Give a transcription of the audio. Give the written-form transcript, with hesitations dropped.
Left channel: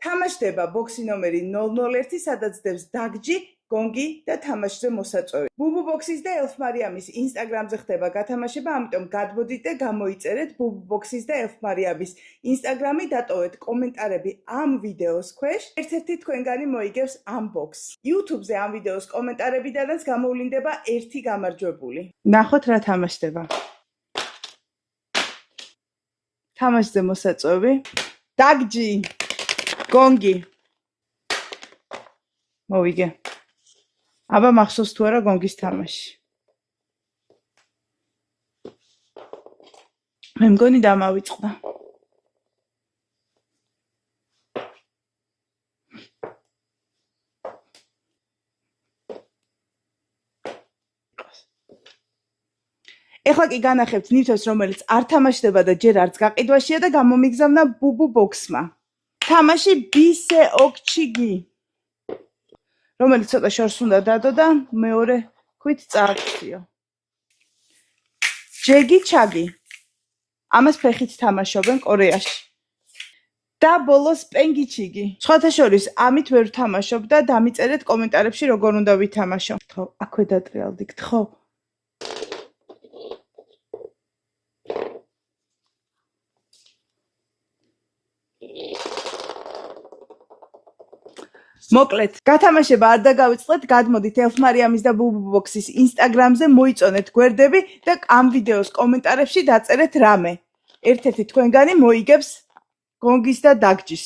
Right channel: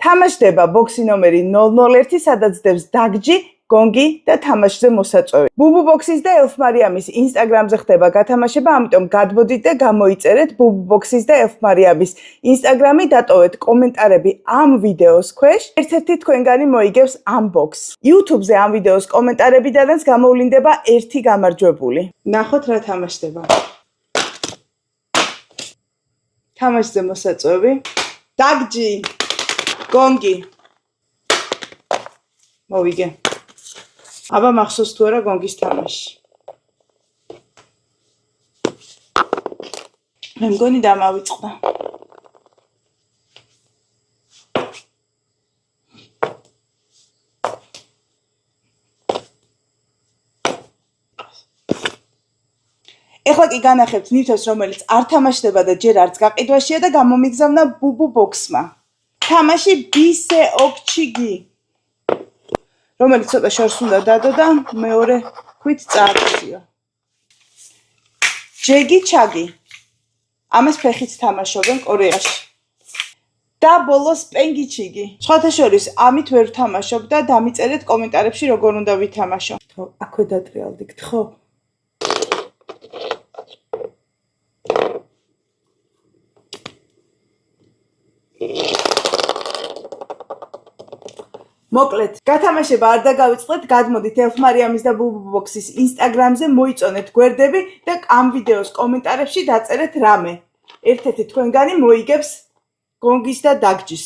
თამაშდება ბოქსი ნომერი 001, სადაც დევს დაგჯი, გონგი და თამაშზე მოსაწვევი. ბუბუ ბოქსის და ელფ მარიამის ინსტაგრამზე ხდება გათამაშება, ამიტომ გადმოდით და გამოიწერეთ ბუბუ ბოქსის და ელფ მარიამის ინსტაგრამი, დატოვეთ კომენტარები ამ ვიდეოს ქვეშ. ერთ-ერთი თქვენგანი მოიგებს ამ ბოქსს. YouTube-ზე ამ ვიდეოს კომენტარებიდანაც გამოვლინდება ერთი გამარჯვებული. ნახოთ რა თამაშდება. თამაშზე მოსაწვევი. დაგჯი. გონგი. მოვიგე. აბა მახსოვს თუ არა გონგის თამაში. მე მგონი დამავიწყდა. ეხლა კი განახებთ ნივთებს, რომელიც არ თამაშდება და ჯერ არც გაყიდვაშია და გამომიგზავნა ბუბუ ბოქსმა. თამაში ბისე ოქჩიგი. რომელიც ცოტა შორს უნდა დადო და მეორე ქვით წააქციო. ჯეგი ჩაგი. ამას ფეხით თამაშობენ კორეაში. და ბოლოს პენგიჩიგი. სხვათა შორის ამით ვერ ვთამაშობ და დამიწერეთ კომენტარებში როგორ უნდა ვითამაშო. ხო, აქვე დატრიალდით, ხო? მოკლედ, გათამაშება არ დაგავიწყდეთ, გადმოდით ელფ მარიამის და ბუბუ ბოქსის ინსტაგრამზე, მოიწონეთ გვერდები და ამ ვიდეოს კომენტარებში დაწერეთ რამე. ერთ-ერთი თქვენგანი მოიგებს გონგის და დაგჯის.